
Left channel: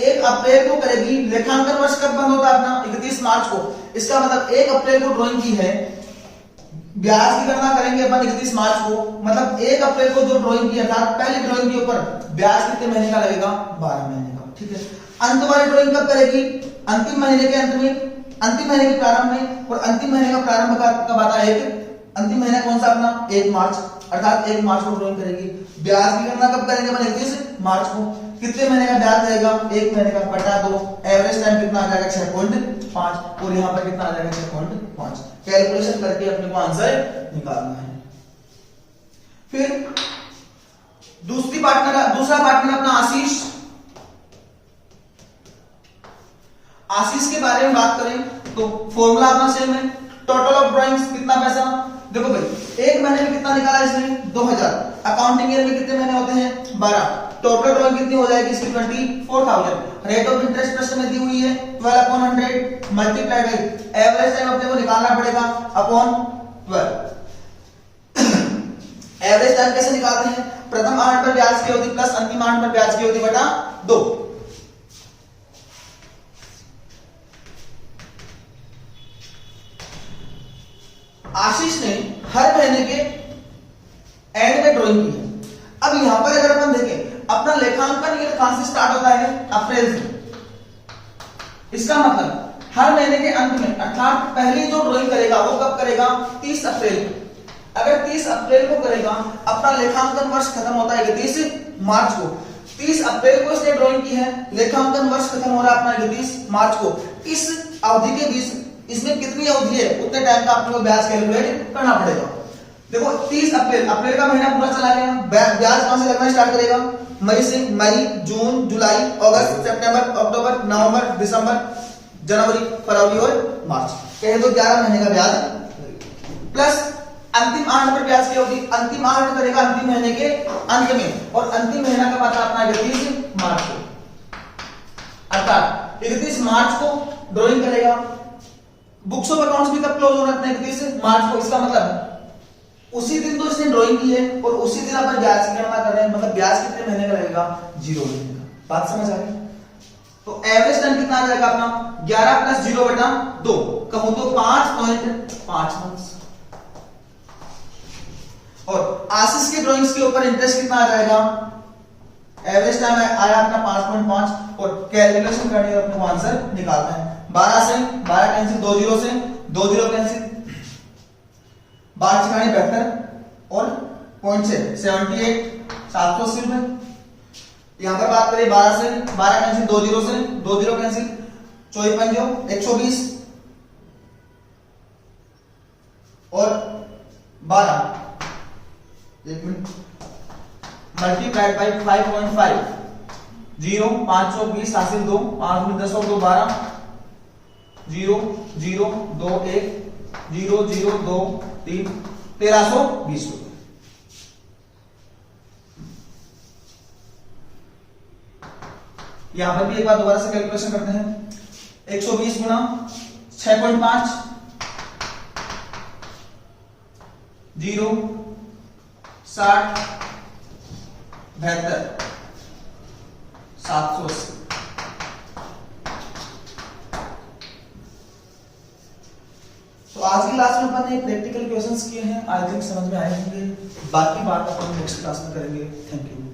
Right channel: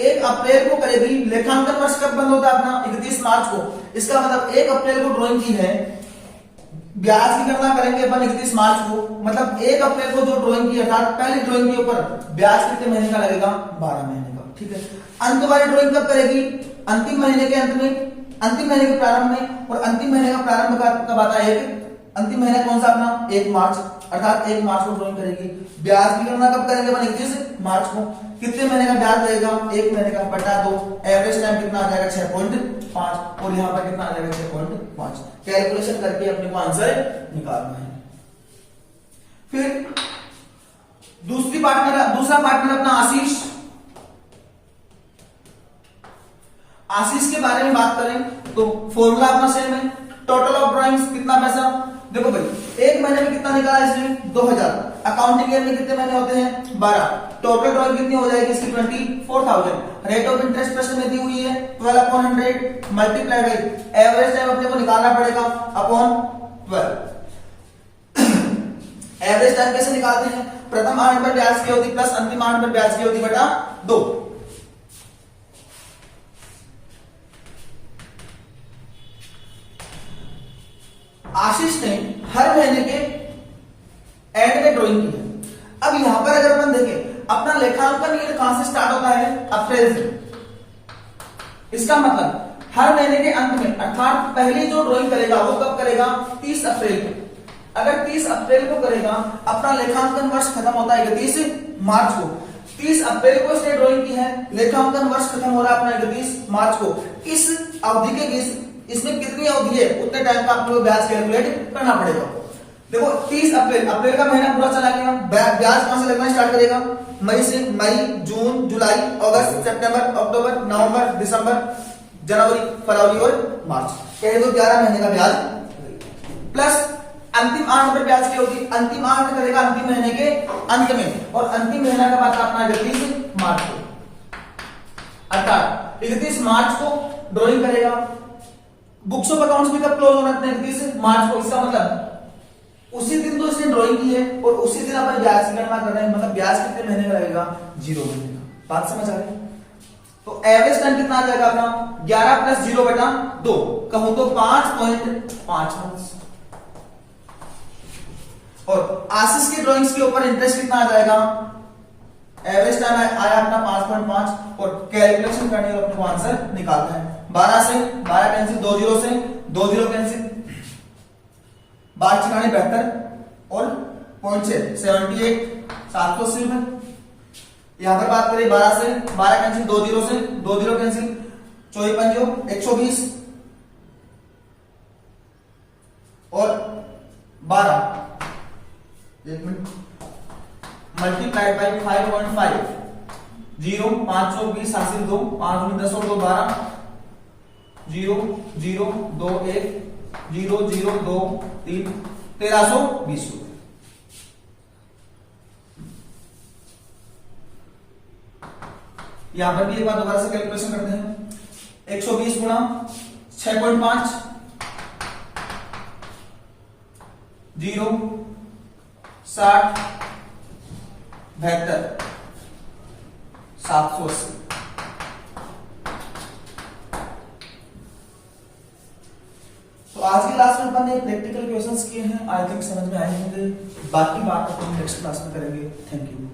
1 अप्रैल को करेगी। लेखांकन वर्ष कब बंद होता है अपना, 31 मार्च को। इसका मतलब 1 अप्रैल को ड्राइंग की है, ब्याज की गणना करेंगे अपन 31 मार्च को। मतलब 1 अप्रैल को जो ड्राइंग की, अर्थात पहली ड्राइंग के ऊपर ब्याज कितने महीने का लगेगा, 12 महीने का। ठीक है, अंत वाली ड्राइंग कब करेगी, अंतिम महीने के अंत में, अंतिम महीने के प्रारंभ में। और अंतिम महीने का प्रारंभ कब आता है, अंतिम महीना कौन सा अपना, 1 मार्च, अर्थात 1 मार्च को ड्राइंग करेगी। ब्याज की गणना कब करेंगे अपन, 31 मार्च को। कितने महीने का ब्याज लगेगा, 1 महीने का, बटा 2। एवरेज टाइम कितना आ जाएगा, 6.5, और यहां पर कितना आ जाएगा, 6.5। कैलकुलेशन करके अपने को आंसर निकालना है। फिर दूसरा पार्टनर अपना आशीष। आशीष के बारे में बात करें तो फॉर्मूला अपना सेम है। टोटल ऑफ ड्राइंग्स कितना पैसा, देखो भाई, एक महीने में कितना निकाला इसने, 2000। अकाउंटिंग ईयर में कितने महीने होते हैं, 12। टोटल ड्राइंग कितनी हो जाएगी इसकी, 24,000। रेट ऑफ इंटरेस्ट प्रश्न में दी हुई है 12/100 मल्टीप्लाइड बाय एवरेज टाइम अपने को निकालना पड़ेगा अपॉन 12। एवरेज टाइम कैसे निकालते हैं, प्रथम आहरण पर ब्याज की अवधि प्लस अंतिम आहरण पर ब्याज की अवधि बटा 2। आशीष ने हर महीने के एंड में ड्राइंग की है। अब यहां पर अगर अपन देखें, अपना लेखांकन ईयर कहां से स्टार्ट होता है, अप्रैल से। इसका मतलब हर महीने के अंत में, अर्थात पहली जो ड्राइंग करेगा वो कब करेगा, 30 अप्रैल को। अगर 30 अप्रैल को करेगा, अपना लेखांकन वर्ष खत्म होता है 31 मार्च को। 30 अप्रैल को इसने ड्राइंग की है, लेखांकन वर्ष खत्म हो रहा है अपना 31 मार्च को। इस अवधि के बीच इसमें कितनी अवधि है, उतने टाइम का आपको ब्याज कैलकुलेट करना पड़ेगा। देखो 30 अप्रैल, अप्रैल का महीना पूरा चला गया, ब्याज कहां से लगना स्टार्ट करेगा? मई से। मई, जून, जुलाई, अगस्त, सितंबर, अक्टूबर, नवंबर, दिसंबर, जनवरी, फरवरी और मार्च, कह दो 11 महीने का ब्याज प्लस अंतिम 8 पर ब्याज क्या होगी? अंतिम 8 करेगा अंतिम महीने के अंत में, और अंतिम महीना का आता अपना 31 मार्च को, अर्थात 31 मार्च को ड्राइंग करेगा। बुक्स ऑफ अकाउंट्स भी कब क्लोज होना है? 31 मार्च को। इसका मतलब उसी दिन तो इसने ड्राइंग की है और उसी दिन अपन ब्याज की गणना कर रहे हैं, मतलब ब्याज कितने महीने का लगेगा? 0 महीने का। बात समझ आ गई? तो एवरेज टाइम कितना आ जाएगा अपना? 11 प्लस 0/2, कहूं तो 5.5 मंथ्स। और आशीष की ड्राइंग्स के ऊपर इंटरेस्ट कितना आ जाएगा? एवरेज टाइम आया अपना 5.5, और कैलकुलेशन करनी है, अपने को आंसर निकालना है। 12 से 12 कैंसिल, 2 0 से 2 0 कैंसिल, 12 चिकानी 72 और पॉइंट से 78, 780 रुपए। यहां पर बात करें 12 से 12 कैंसिल, 2 0 से 2 0 कैंसिल, 24 पंजो 120 और 12, एक मिनट, मल्टीप्लाइड बाई 5.5, 0 520 हासिल 2, 5 10 और 2 12, 0 0 2 1 0 0 2 3, 1320 रुपए। यहां पर भी एक बार दोबारा से कैलकुलेशन करते हैं। 120 गुणा 6.5, 0 60 72 780। तो आज की क्लास में अपन ने प्रैक्टिकल क्वेश्चंस किए हैं, आई थिंक समझ में आए होंगे। बाकी बात अपन नेक्स्ट क्लास में करेंगे। Thank you.